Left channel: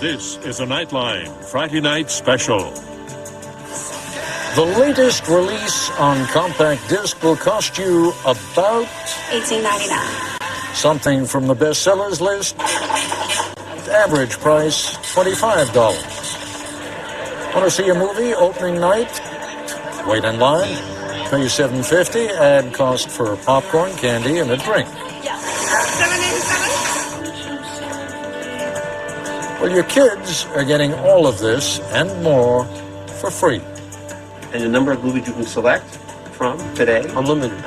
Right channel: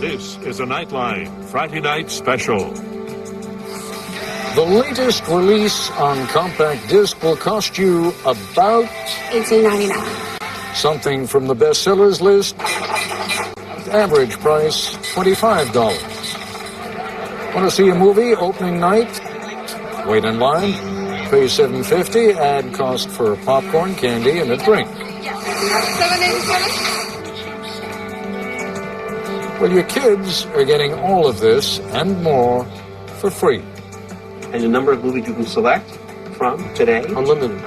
This is a Nightline Friday night special. The latest release on compact disc will cost you about $18.99. Something from the bestsellers list. Average price $25. Want to see a movie opening night? Wait in line. Pay $7.50. Add cost for popcorn, candy, and a drink. Yeah. $7.87. Well, your kids are getting all of this and more for free. And the number of movies you can select from today? Unlimited.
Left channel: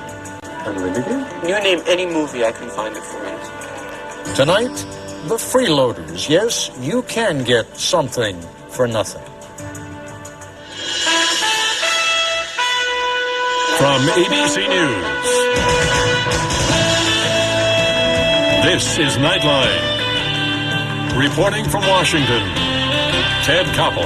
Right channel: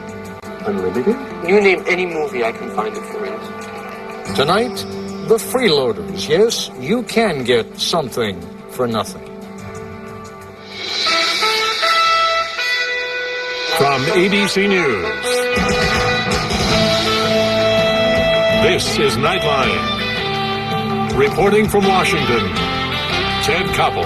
Unlimited? You name any movie, I can find it for you. Tonight, the Freeloaders. Yes, you can get something for nothing. From ABC News, this is Nightline. Reporting from Washington, Ted Koppel.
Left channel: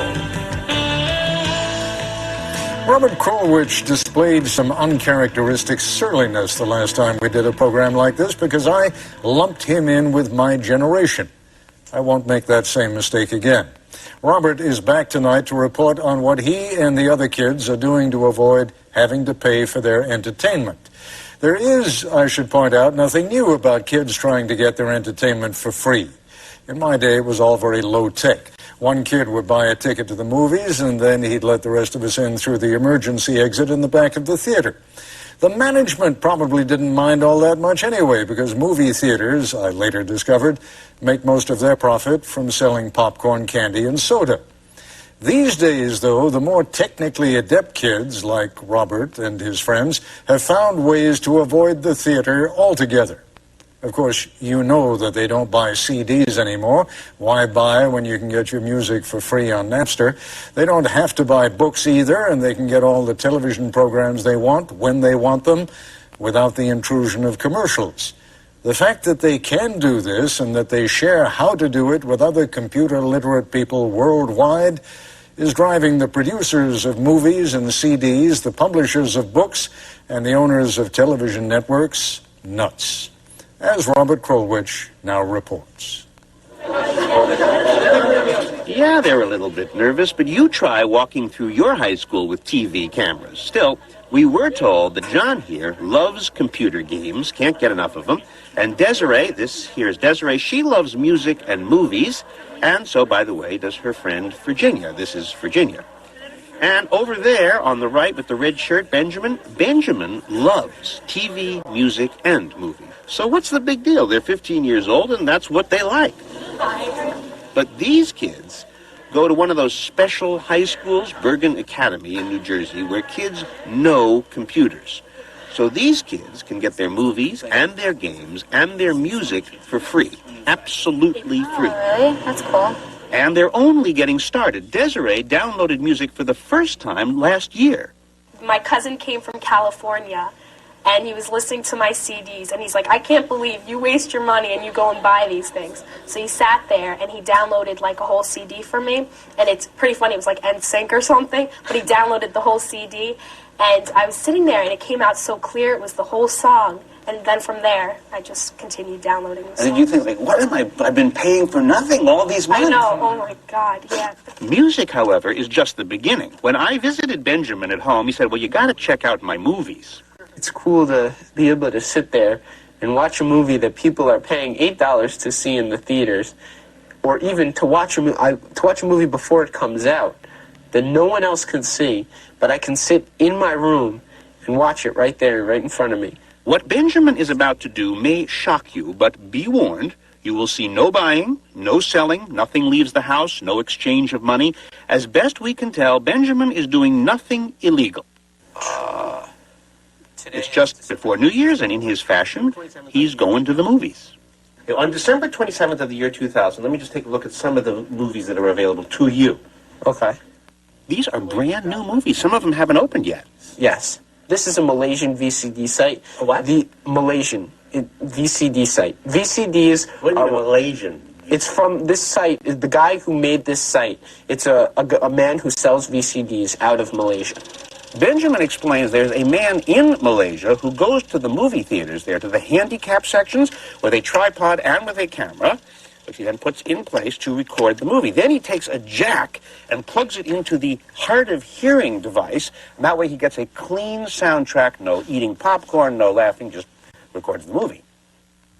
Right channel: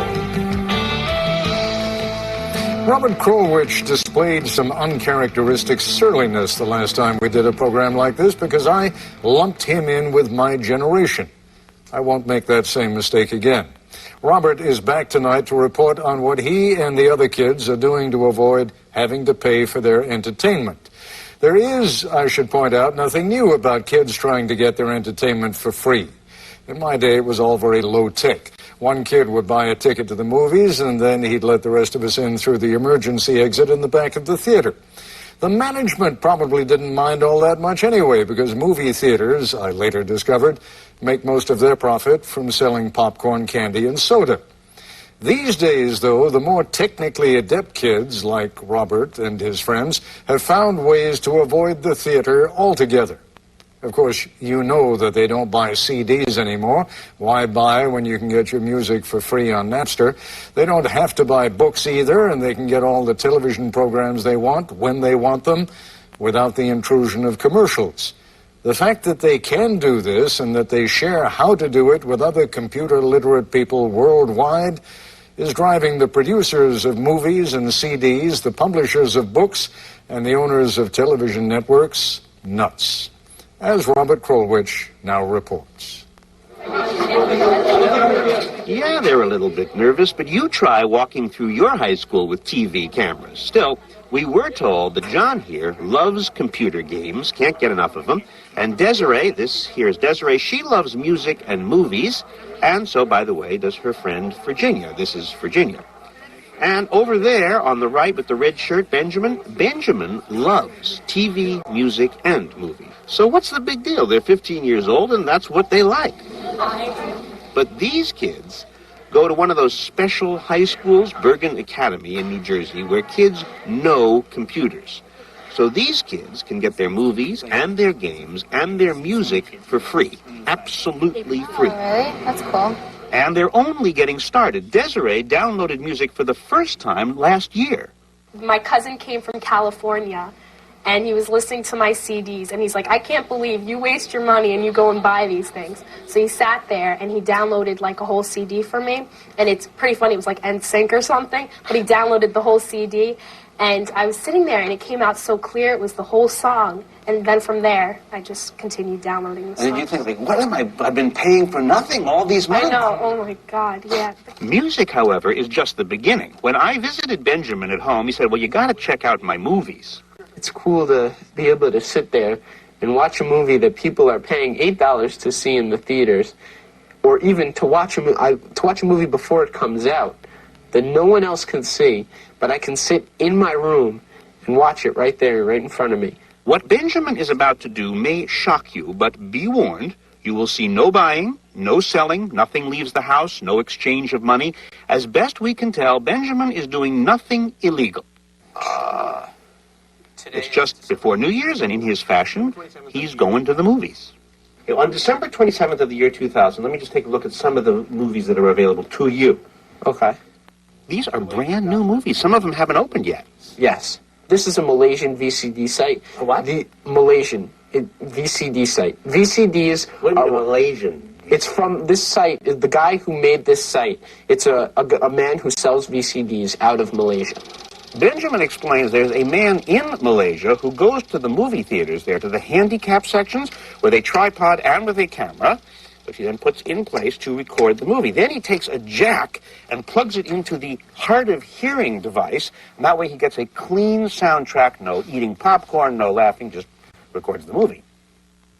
Robert Krulwich displayed some uncharacteristic surliness the last time we did a program like this because I lumped him in with my generation. I won't make that same mistake again. Robert is back tonight to report on what he and the other kids are doing to avoid having to pay for their entertainment. There is, I should point out, nothing new about kids trying to get their entertainment for free. In my day, it was all very low-tech. One kid would buy a ticket to the movies, and then he'd let the rest of us in through the emergency exit in the back of the theater. The management probably didn't mind all that much anyway, because movie theaters, I later discovered, make most of their profit from selling popcorn, candy, and soda. These days, though, the more technically adept kids, like Robert and his friends, have found ways to avoid the theater altogether. Of course, you know that they don't buy CDs anymore. Why buy when you can get your music for free on Napster? They don't have to buy books either, and they can get all the television programs they want when they want them without the intrusion of commercials. The fact that they can do this and that they share how to do it with other computer-literate people worldwide is driving the producers of movies and CDs, the publishers of books, and the owners of television networks nuts. As Robert Krulwich now reports. Yeah, they're a little bit nervous, but you try walking through your high school with TV cameras. Still, we were told that John here loves computer games, can't get enough of them, and Desiree, this here's Desiree, she loves music and movies, and so, by the way, does her friend Virginia. This is Virginia. And over there, on the right with the red shirt, Benjamin. Benjamin loves TV, music, and movies. So what's the big deal? They're 15 years old, and that's what they like. But these kids go to one of those special high schools, Bergen Academy in New Jersey, where kids know computers. So these kids can get their movies and their games and their music for free. Absolutely free. Oh, really? That's cool. And they're only getting started. Desiree downloaded music for the first time last year. My cousin came from California, and he was listening to my CDs, and he's like, I can't believe you waste your money and you go and buy these things. So he sat there, and he downloaded, like, a whole CD for me, and it's pretty funny. It was like NSYNC or something, but he downloaded the whole CD, and I was sitting there, and it came out so clear. It was the whole song. And then from there, I just continued downloading the songs. And did you think, like, what am I've been paying for nothing all these months? I know. Oh, my God, yeah. Music, however, is just the beginning. When I visited Benjamin at home, he said, well, you got to check out my movies. It's cool to be able to sit there and watch a movie that people are paying $8 to see in the theaters, or even to watch a movie before it comes out that no one else can see, but I can sit in my room and watch it right there, right in front of me. What Benjamin is about to do may shock you, but be warned, you will see no buying, no selling, nothing leaves the house, no exchange of money. As best we can tell, Benjamin is doing nothing illegal. It's just before New Year's, and in his fashion, he's going to the movies. On December 27th of the year 2000, let me just take a look at some of the movies that are available to you. Okay. These are brand new movies. Some of them haven't opened yet. Yes. This is a Malaysian VCD site. A what? The Malaysian VCD site. VCDs What do you mean Malaysian? It's from this site. The guy who made this site, it's a man who sells VCDs out of Malaysia. Benjamin explains there's a man in Malaysia who goes to the movie theaters there, to the handicap sections, with a tripod and with a camera. which he then puts in place to record the movie. Then he takes a jack and plugs it into the hard of hearing device, and that way he gets a clean soundtrack, no eating popcorn, no laughing, just records the movie.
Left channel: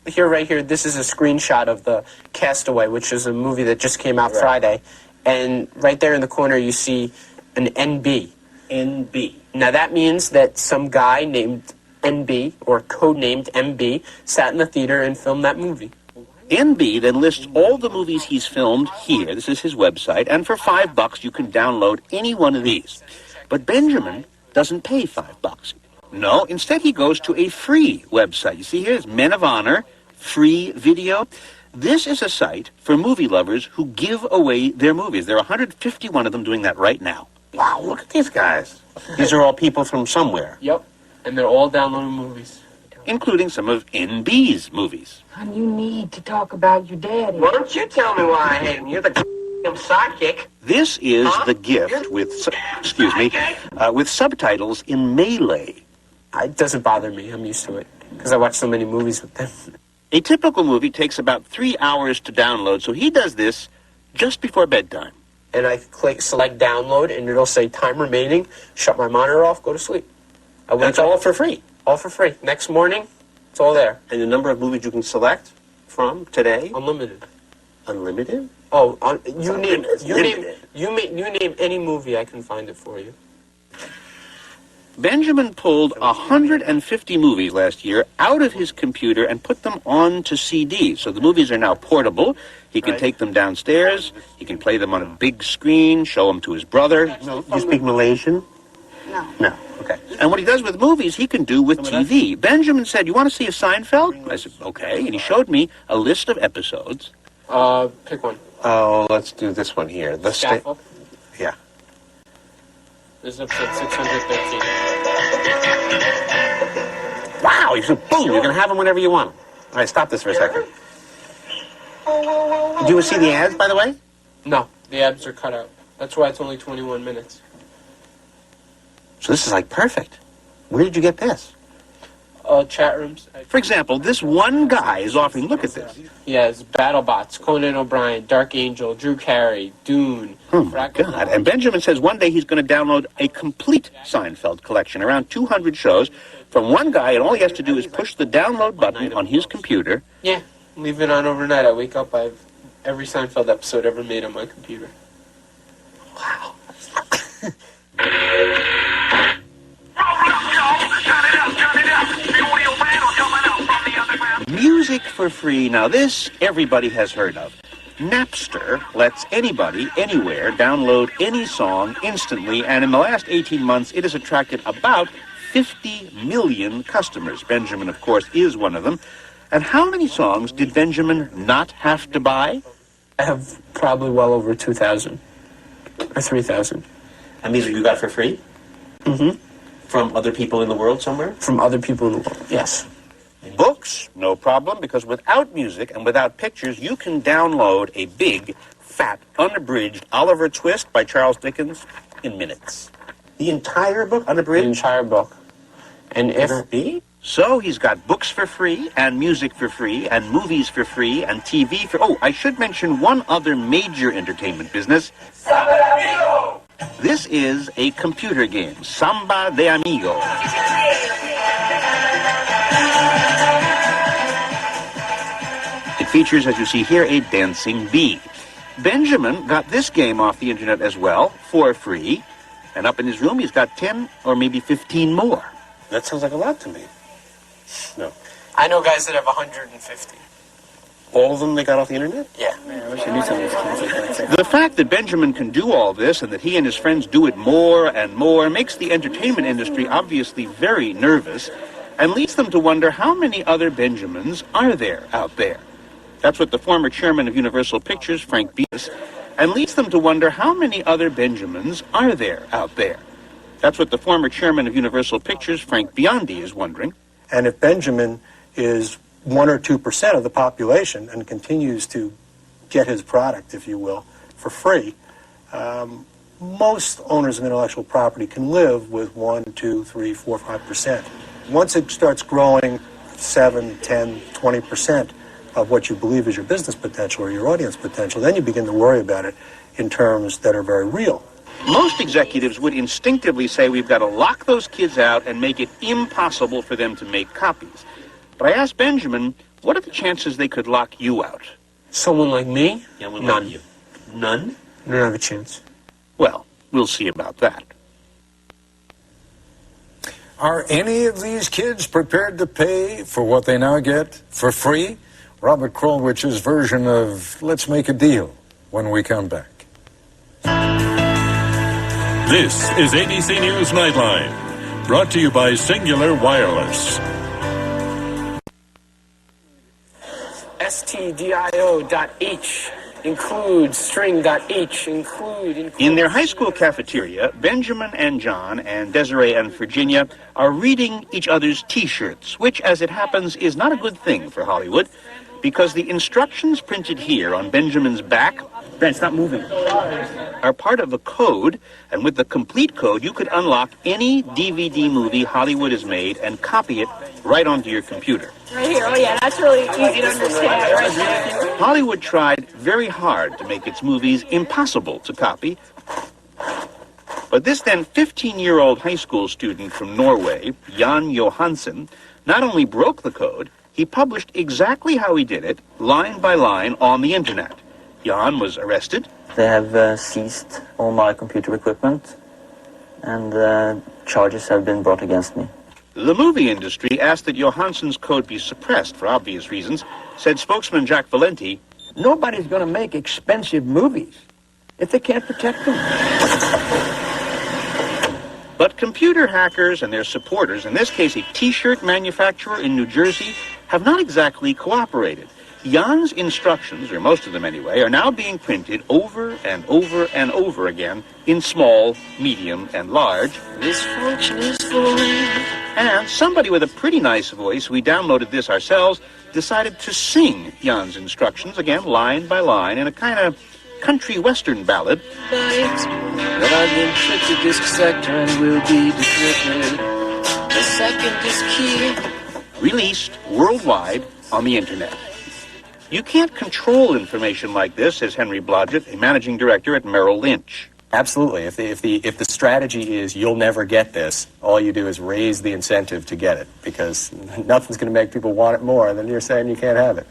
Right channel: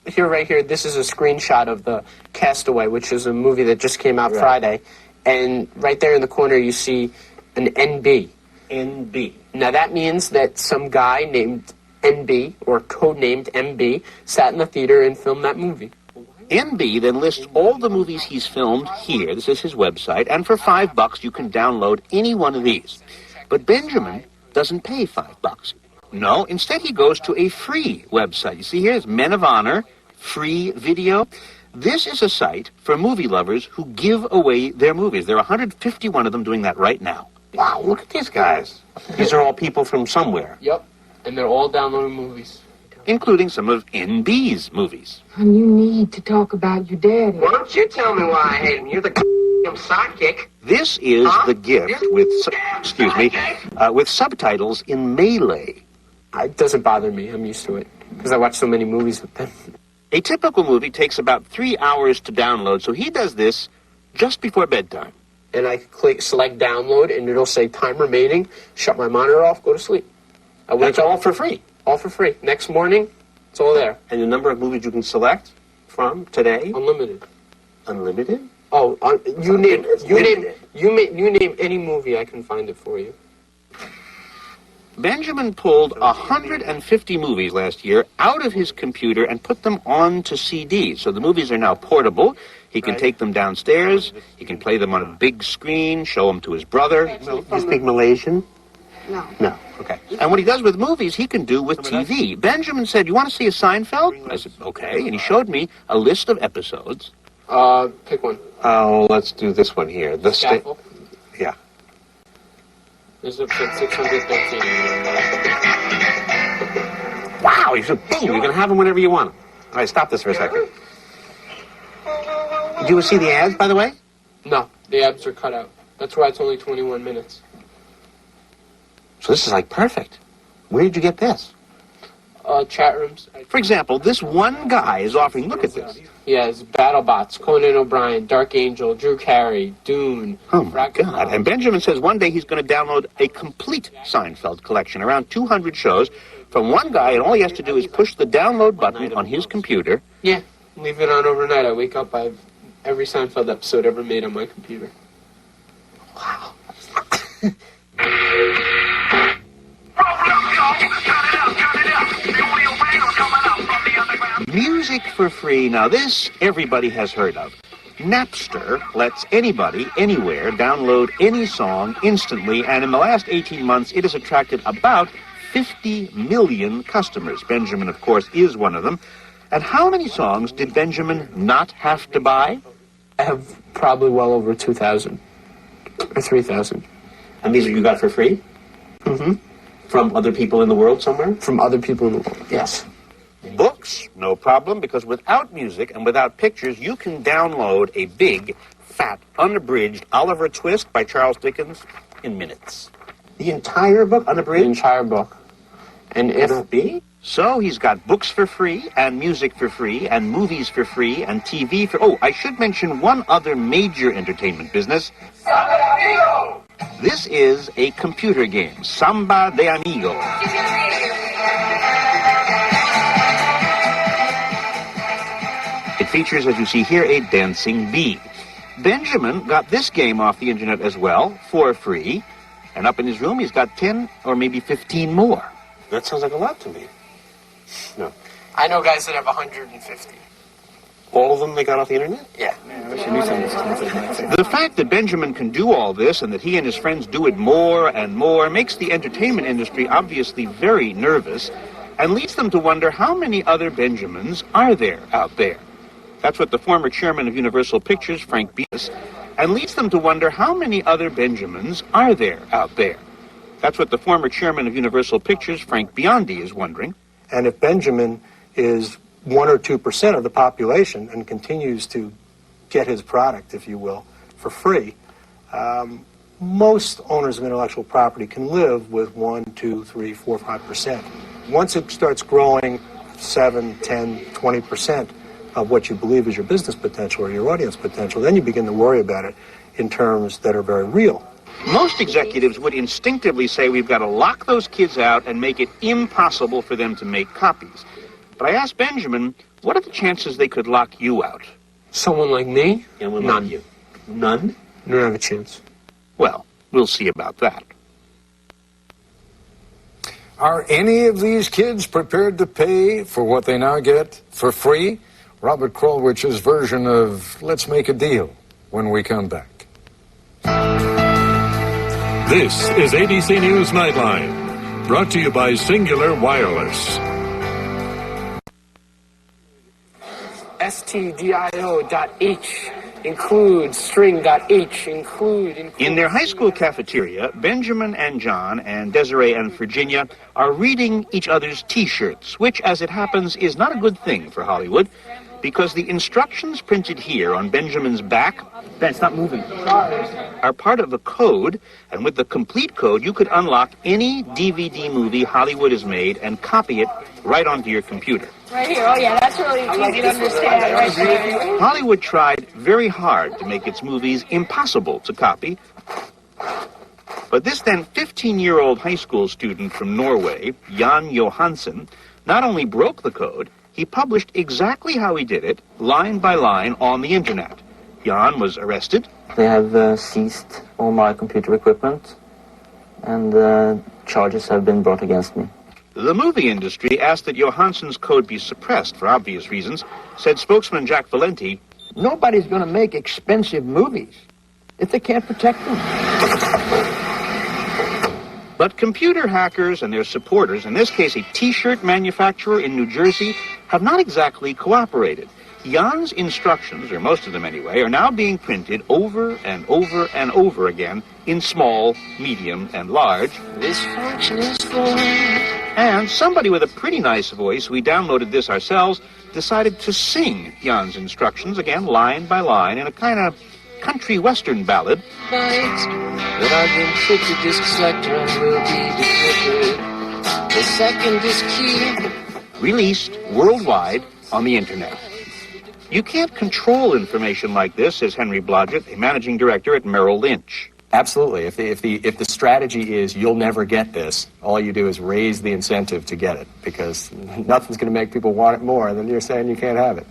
Here, right here, this is a screenshot of the Castaway, which is a movie that just came out Friday. And right there in the corner, you see an NB. NB. Now, that means that some guy named NB, or codenamed MB, sat in the theater and filmed that movie. NB then lists all the movies he's filmed here. This is his website. And for $5, you can download any one of these. But Benjamin doesn't pay $5. No, instead he goes to a free website. You see here, it's Men of Honor, free video. This is a site for movie lovers who give away their movies. There are 151 of them doing that right now. Wow, look at these guys. These are all people from somewhere. Yep, and they're all downloading movies. Including some of NB's movies. Hon, you need to talk about your daddy. Why don't you tell me why I hate him? You're the sidekick. This is The Gift with, with subtitles in Malay. It doesn't bother me. I'm used to it because I watch so many movies with them. A typical movie takes about 3 hours to download, so he does this just before bedtime. And I select download, and it'll say time remaining, shut my monitor off, go to sleep. That's all for free? All for free. Next morning, it's all there. And the number of movies you can select from today? Unlimited. Unlimited? Oh, you name any movie, I can find it for you. Benjamin pulled 150 movies last year out of his computer and put them onto CDs. So the movies are now portable. He can take them downstairs. He can play them on a big screen, show them to his brother. No, you speak Malaysian? No. No. Okay. And what he does with movies, he can do with TV. Benjamin said, "You want to see a Seinfeld?" I said, "Okay." And he showed me a list of episodes. Pick one. Oh, let's do this one here. The Scaffold. Yeah. This is episode 613. Wow, you said boom, you can have them whenever you want them. All right, stop this for a second. Did you see the ads, by the way? No, the ads are cut out. That's why it's only 21 minutes. So this is like perfect. Where did you get this? Chat rooms. For example, this one guy is offering, look at this. Yeah, it's BattleBots, Conan O'Brien, Dark Angel, Drew Carey, Dune. Oh, my God. And Benjamin says one day he's going to download a complete Seinfeld collection, around 200 shows, from one guy, and all he has to do is push the download button on his computer. Yeah, leave it on overnight. I wake up, I have every Seinfeld episode ever made on my computer. Wow. Music for free. Now this, everybody has heard of. Napster lets anybody, anywhere, download any song instantly, and in the last 18 months, it has attracted about 50 million customers. Benjamin, of course, is one of them. And how many songs did Benjamin not have to buy? I have probably well over 2,000 or 3,000. And these you got for free? Mm-hmm. From other people in the world somewhere? From other people in the world, yes. Books, no problem, because without music and without pictures, you can download a big, fat, unabridged Oliver Twist by Charles Dickens in minutes. The entire book, unabridged? The entire book. And if... Can that be? So he's got books for free, and music for free, and movies for free, and TV for... Oh, I should mention one other major entertainment business. Samba de Amigo! This is a computer game, Samba de Amigo. It features, as you see here, a dancing bee. Benjamin got this game off the internet as well, for free, and up in his room he's got 10 or maybe 15 more. That sounds like a lot to me. No. I know guys that have 150. All of them they got off the internet? Yeah. I wish I knew some of this concept. The fact that Benjamin can do all this and that he and his friends do it more and more makes the entertainment industry obviously very nervous and leads them to wonder how many other Benjamins are there out there. That's what the former chairman of Universal Pictures, Frank Biondi, and leads them to wonder how many other Benjamins are there out there. That's what the former chairman of Universal Pictures, Frank Biondi, is wondering. And if Benjamin is 1 or 2% of the population and continues to get his product, if you will, for free, most owners of intellectual property can live with 1, 2, 3, 4, 5%. Once it starts growing 7, 10, 20%, of what you believe is your business potential or your audience potential, then you begin to worry about it in terms that are very real. Most executives would instinctively say we've got to lock those kids out and make it impossible for them to make copies. But I asked Benjamin, what are the chances they could lock you out? Someone like me? None. Like you. None? I don't have a chance. Well, we'll see about that. Are any of these kids prepared to pay for what they now get for free? Robert Krulwich's version of Let's Make a Deal when we come back. This is ABC News Nightline, brought to you by Singular Wireless. stdio.h include string.h include. In their high school cafeteria, Benjamin and John and Desiree and Virginia are reading each other's T-shirts, which, as it happens, is not a good thing for Hollywood, because the instructions printed here on Benjamin's back, Ben, stop moving, are part of a code, and with the complete code, you could unlock any DVD movie Hollywood has made and copy it right onto your computer. Right here. Oh, yeah, that's really easy to understand right there. Hollywood tried very hard to make its movies impossible to copy. But this then 15-year-old high school student from Norway, Jan Johansen, not only broke the code, he published exactly how he did it, line by line, on the internet. Jan was arrested. They have seized all my computer equipment, and charges have been brought against me. The movie industry asked that Johansen's code be suppressed for obvious reasons, said spokesman Jack Valenti. Nobody's going to make expensive movies if they can't protect them. But computer hackers and their supporters, in this case a T-shirt manufacturer in New Jersey, have not exactly cooperated. Jan's instructions, or most of them anyway, are now being printed over and over and over again in small, medium, and large. This function is boring. And somebody with a pretty nice voice, we downloaded this ourselves, decided to sing Jan's instructions, again, line by line, in a kind of country western ballad. That are the encrypted disk sector and will be decrypted. The second disk key. Released worldwide on the internet. You can't control information like this, says Henry Blodgett, a managing director at Merrill Lynch. Absolutely. If the strategy is you'll never get this, all you do is raise the incentive to get it, because nothing's going to make people want it more than you're saying you can't have it.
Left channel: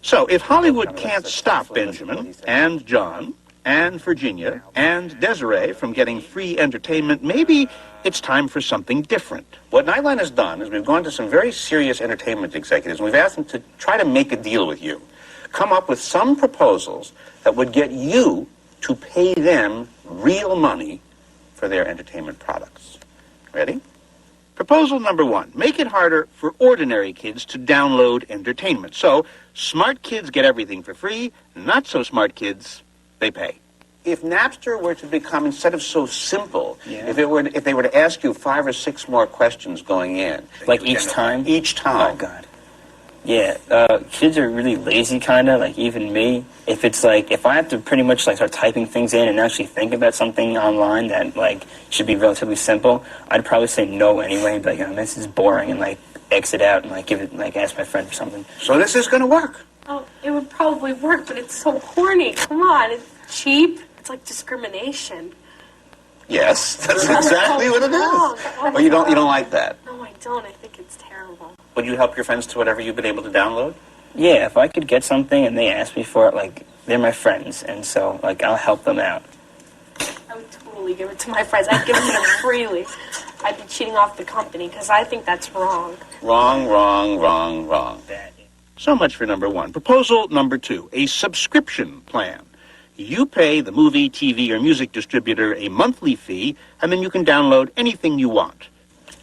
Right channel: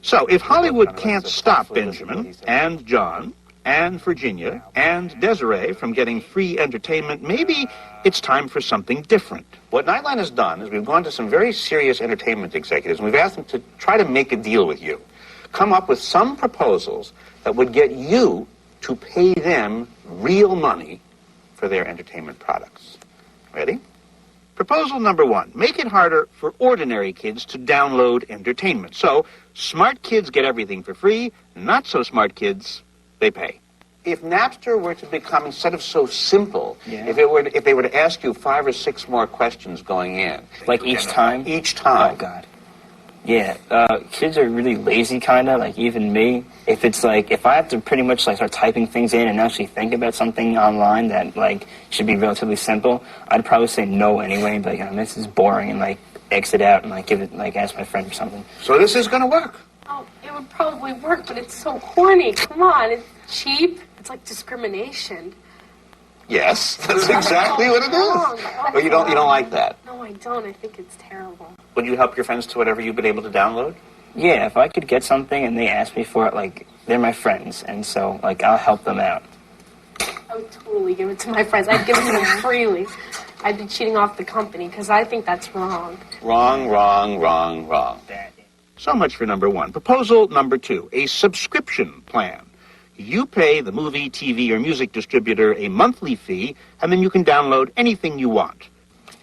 So if Hollywood can't stop Benjamin and John and Virginia and Desiree from getting free entertainment, maybe it's time for something different. What Nightline has done is we've gone to some very serious entertainment executives and we've asked them to try to make a deal with you. Come up with some proposals that would get you to pay them real money for their entertainment products. Ready? Proposal number one, make it harder for ordinary kids to download entertainment. So, smart kids get everything for free, not so smart kids, they pay. If Napster were to become, instead of so simple, if they were to ask you 5 or 6 more questions going in. Like each time? Each time. Oh, God. Yeah, kids are really lazy, kind of, like even me. If it's like, if I have to pretty much like start typing things in and actually think about something online that like should be relatively simple, I'd probably say no anyway and be like, oh, this is boring, and like exit out and like give it, like ask my friend for something. So this is going to work. Oh, it would probably work, but it's so corny. Come on, it's cheap. It's like discrimination. Yes, that's exactly what it is. Oh, But you don't like that. No, I don't. I think it's terrible. Would you help your friends to whatever you've been able to download? Yeah, if I could get something and they ask me for it, like, they're my friends, and so, like, I'll help them out. I would totally give it to my friends. I'd give it to them freely. I'd be cheating off the company, because I think that's wrong. Wrong, wrong, wrong, wrong. So much for number one. Proposal number two, a subscription plan. You pay the movie, TV, or music distributor a monthly fee, and then you can download anything you want.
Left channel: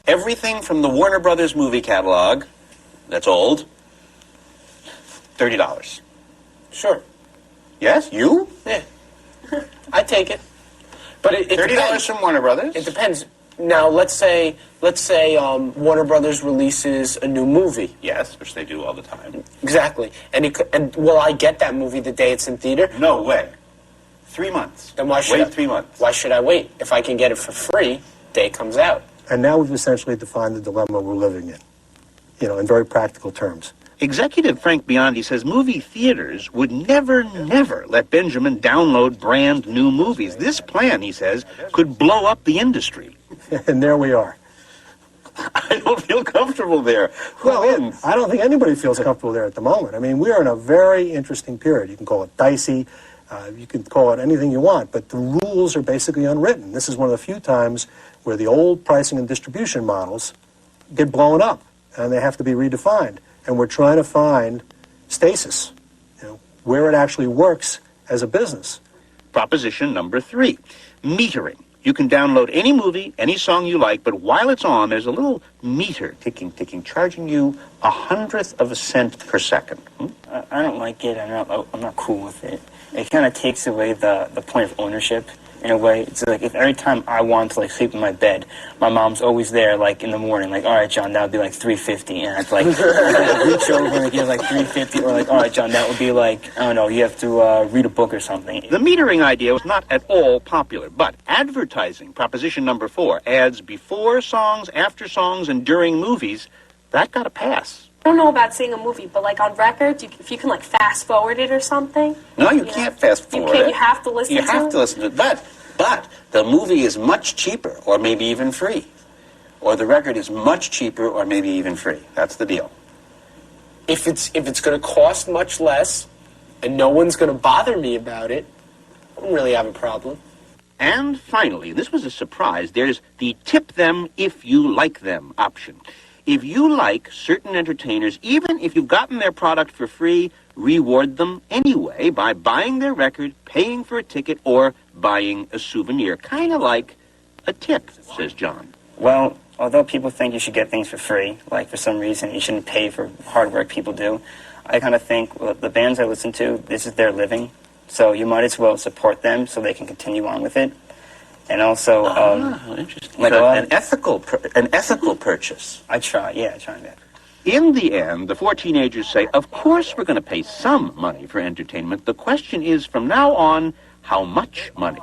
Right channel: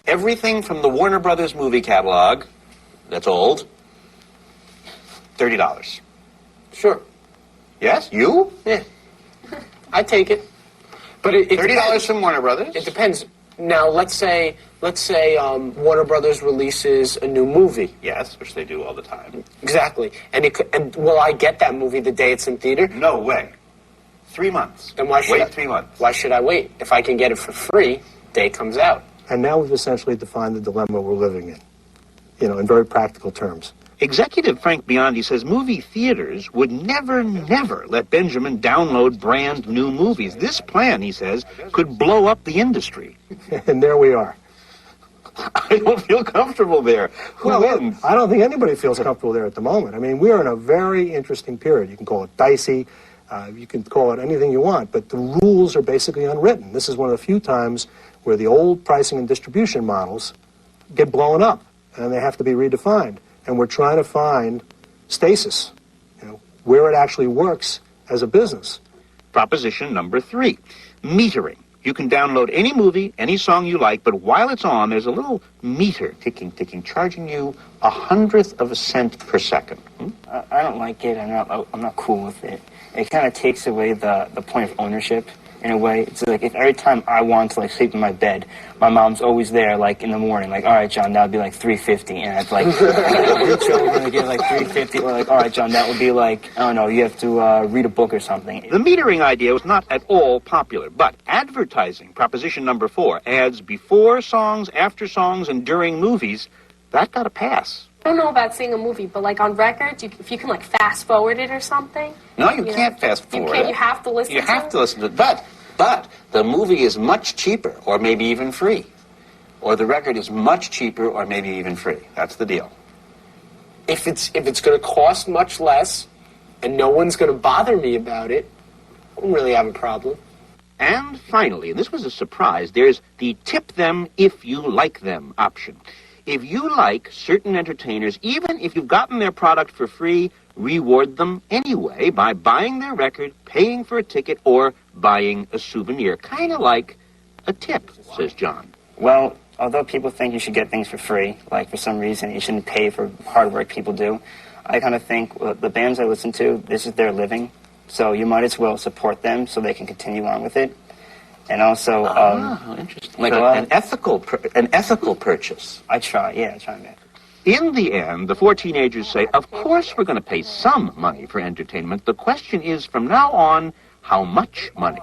Everything from the Warner Brothers movie catalog, that's old, $30. Sure. Yes, you? Yeah. I take it. But it $30 depends. from Warner Brothers? It depends. Now, let's say Warner Brothers releases a new movie. Yes, which they do all the time. Exactly. And will I get that movie the day it's in theater? No way. 3 months. Then why should wait 3 months? Why should I wait? If I can get it for free, day it comes out. And now we've essentially defined the dilemma we're living in, in very practical terms. Executive Frank Biondi says movie theaters would never let Benjamin download brand new movies. This plan, he says, could blow up the industry. And there we are. I don't feel comfortable there. Who wins? I don't think anybody feels comfortable there at the moment. I mean, we are in a very interesting period. You can call it dicey. You can call it anything you want, but the rules are basically unwritten. This is one of the few times where the old pricing and distribution models get blown up, and they have to be redefined. And we're trying to find stasis, where it actually works as a business. Proposition number 3, metering. You can download any movie, any song you like, but while it's on, there's a little meter ticking, charging you 1/100 of a cent per second. I don't like it. I'm not cool with it. It kind of takes away the point of ownership in a way. It's like if every time I want to sleep in my bed, my mom's always there in the morning, all right, John, that would be $3.50, and I'd reach over and give $3.50, or all right, John, that would be I don't know, you have to read a book or something. The metering idea was not at all popular, but advertising, proposition number 4, ads before songs, after songs, and during movies, that got a pass. I don't know about seeing a movie, but on records, if you can fast forward it or something. No, you can't fast forward it. You have to listen to it. You have to listen to it. But the movie is much cheaper, or maybe even free. Or the record is much cheaper, or maybe even free. That's the deal. If it's going to cost much less, and no one's going to bother me about it, I don't really have a problem. And finally, and this was a surprise, there's the tip them if you like them option. If you like certain entertainers, even if you've gotten their product for free, reward them anyway by buying their record, paying for a ticket, or buying a souvenir. Kind of like a tip, says John. Well, although people think you should get things for free, for some reason you shouldn't pay for hard work people do, I kind of think the bands I listen to, this is their living, so you might as well support them so they can continue on with it. And also, interesting. An ethical purchase. I try that. In the end, the 4 teenagers say, of course we're going to pay some money for entertainment. The question is, from now on, how much money?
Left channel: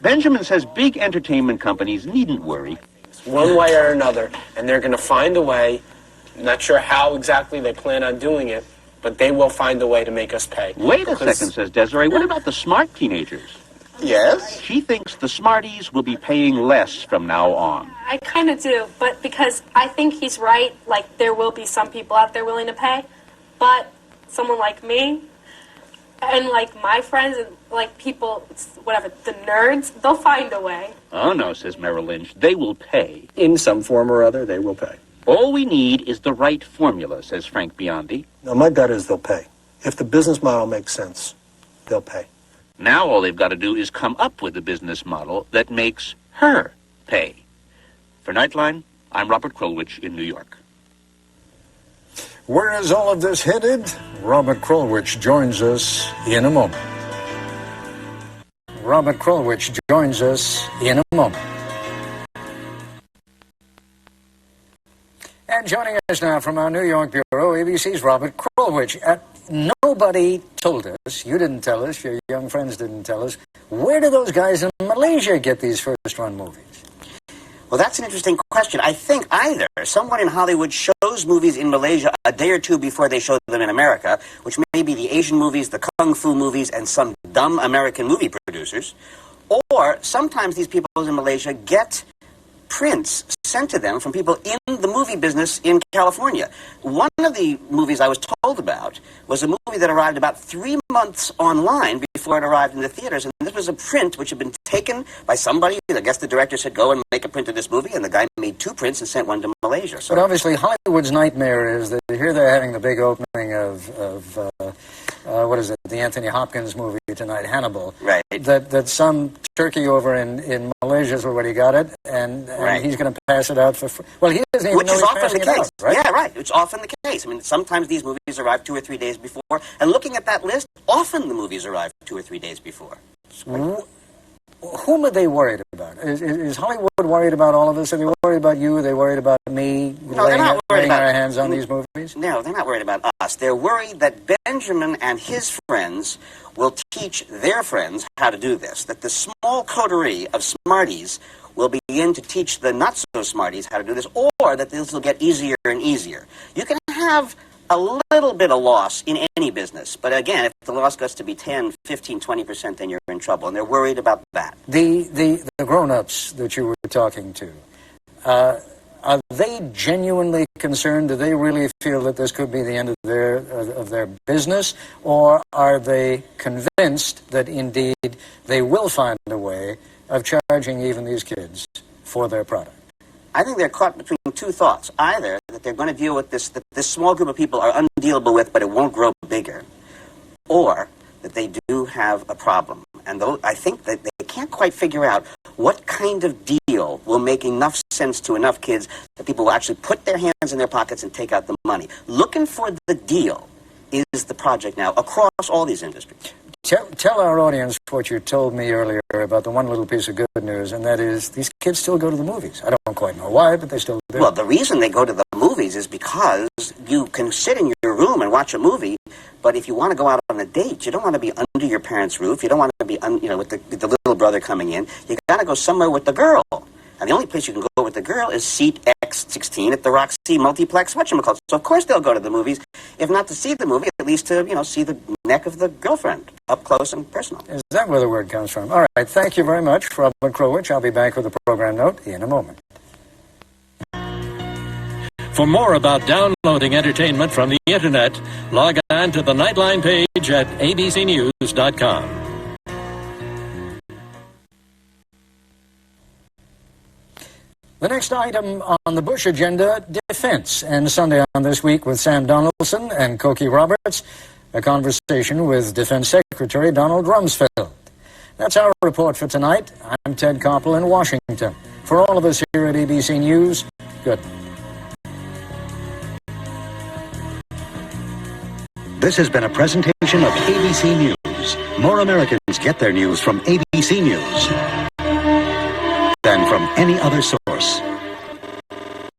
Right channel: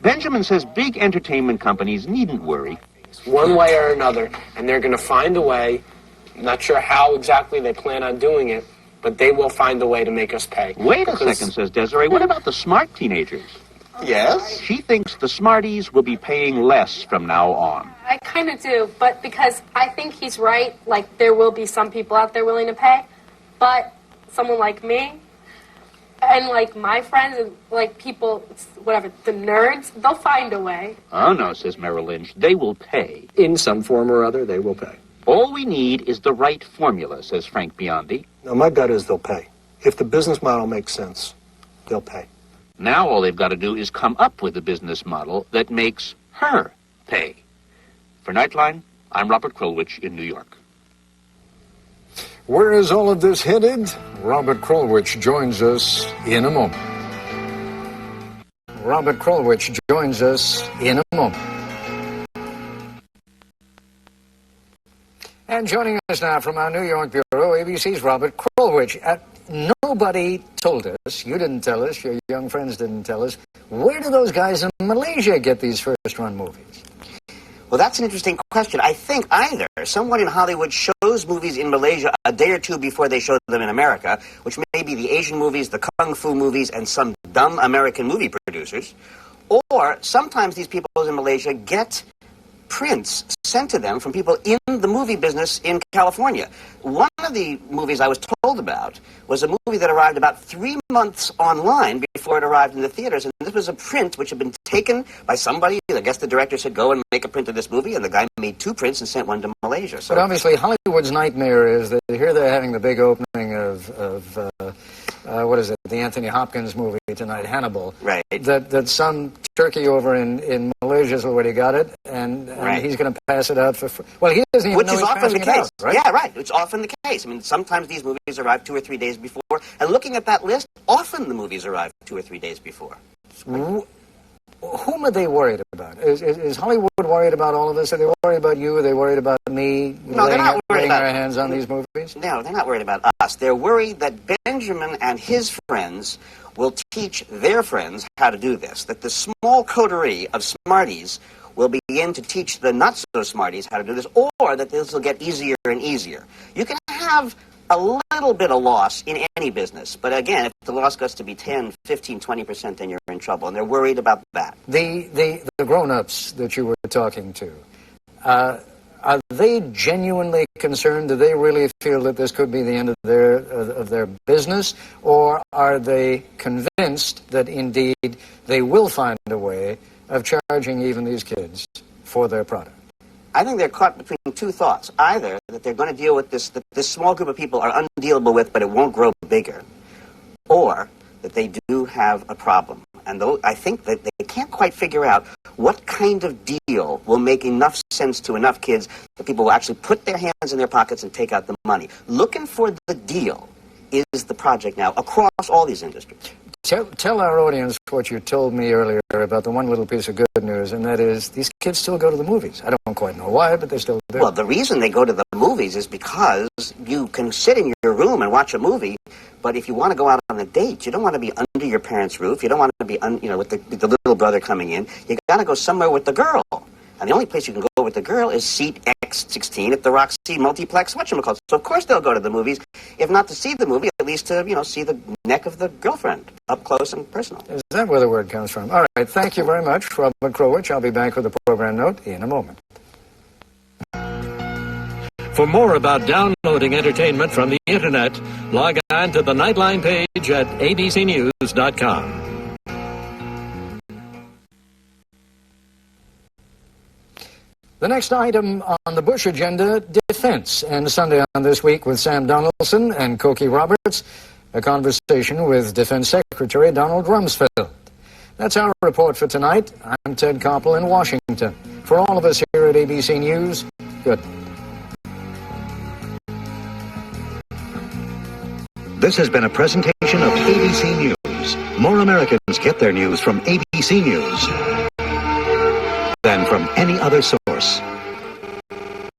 Benjamin says big entertainment companies needn't worry. One way or another, and they're going to find a way. I'm not sure how exactly they plan on doing it, but they will find a way to make us pay. Wait a second, says Desiree. What about the smart teenagers? Yes? She thinks the smarties will be paying less from now on. I kind of do, but because I think he's right, there will be some people out there willing to pay, but someone like me and my friends and people, whatever, the nerds, they'll find a way. Oh no, says Merrill Lynch, they will pay. In some form or other, they will pay. All we need is the right formula, says Frank Biondi. No, my gut is they'll pay. If the business model makes sense, they'll pay. Now all they've got to do is come up with a business model that makes her pay. For Nightline, I'm Robert Krulwich in New York. Where is all of this headed? Robert Krulwich joins us in a moment. Robert Krulwich joins us in a moment. And joining us now from our New York bureau, ABC's Robert Krulwich. Nobody told us, you didn't tell us, your young friends didn't tell us, where do those guys in Malaysia get these first-run movies? Well, that's an interesting question. I think either someone in Hollywood shows movies in Malaysia a day or two before they show them in America, which may be the Asian movies, the Kung Fu movies, and some dumb American movie producers, or sometimes these people in Malaysia get prints sent to them from people in the movie business in California. One of the movies I was told about was a movie that arrived about 3 months online before it arrived in the theaters, and this was a print which had been taken by somebody. I guess the director said, go and make a print of this movie, and the guy made 2 prints and sent one to Malaysia. So, but obviously Hollywood's nightmare is that here they're having the big opening of what is it, the Anthony Hopkins movie tonight, Hannibal. Right. That some turkey over in Malaysia has already got it, and right. He's going to pass it out for free. Well, he doesn't even Which know is he's often the passing case. it out, right? Yeah, right. It's often the case. I mean, sometimes these movies arrive 2 or 3 days before, and looking at that list, often the movies arrive 2 or 3 days before. Whom are they worried about? Is Hollywood worried about all of us? Are they worried about you? Are they worried about me? No, they're not worried about our hands on these movies? No, they're not worried about us. They're worried that Benjamin and his friends will teach their friends how to do this, that the small coterie of smarties will begin to teach the not-so-smarties how to do this, or that this will get easier and easier. You can have a little bit of loss in any business. But again, if the loss gets to be 10, 15, 20%, then you're in trouble. And they're worried about that. The grown-ups that you were talking to, are they genuinely concerned? Do they really feel that this could be the end of their business? Or are they convinced that indeed they will find a way of charging even these kids for their product? I think they're caught between two thoughts. Either that they're going to deal with this, that this small group of people are undealable with, but it won't grow bigger, or that they do have a problem. And I think that they can't quite figure out what kind of deal will make enough sense to enough kids that people will actually put their hands in their pockets and take out the money. Looking for the deal is the project now across all these industries. Tell our audience what you told me earlier about the one little piece of good news, and that is these kids still go to the movies. I don't quite know why, but they still do. Well, the reason they go to the movies is because you can sit in your room and watch a movie, but if you want to go out on a date, you don't want to be under your parents' roof. You don't want to be, with the little brother coming in. You got to go somewhere with the girl. And the only place you can go with the girl is seat X16 at the Roxy Multiplex whatchamacallit. So, of course, they'll go to the movies. If not to see the movie, at least to, see the neck of the girlfriend up close and personal. Is that where the word comes from? All right. Thank you very much, Robert Krowich. I'll be back with a program note in a moment. For more about downloading entertainment from the Internet, log on to the Nightline page at abcnews.com. The next item on the Bush agenda, defense. And Sunday on This Week with Sam Donaldson and Cokie Roberts, a conversation with Defense Secretary Donald Rumsfeld. That's our report for tonight. I'm Ted Koppel in Washington. For all of us here at ABC News, good. This has been a presentation of ABC News. More Americans get their news from ABC News than from any other source.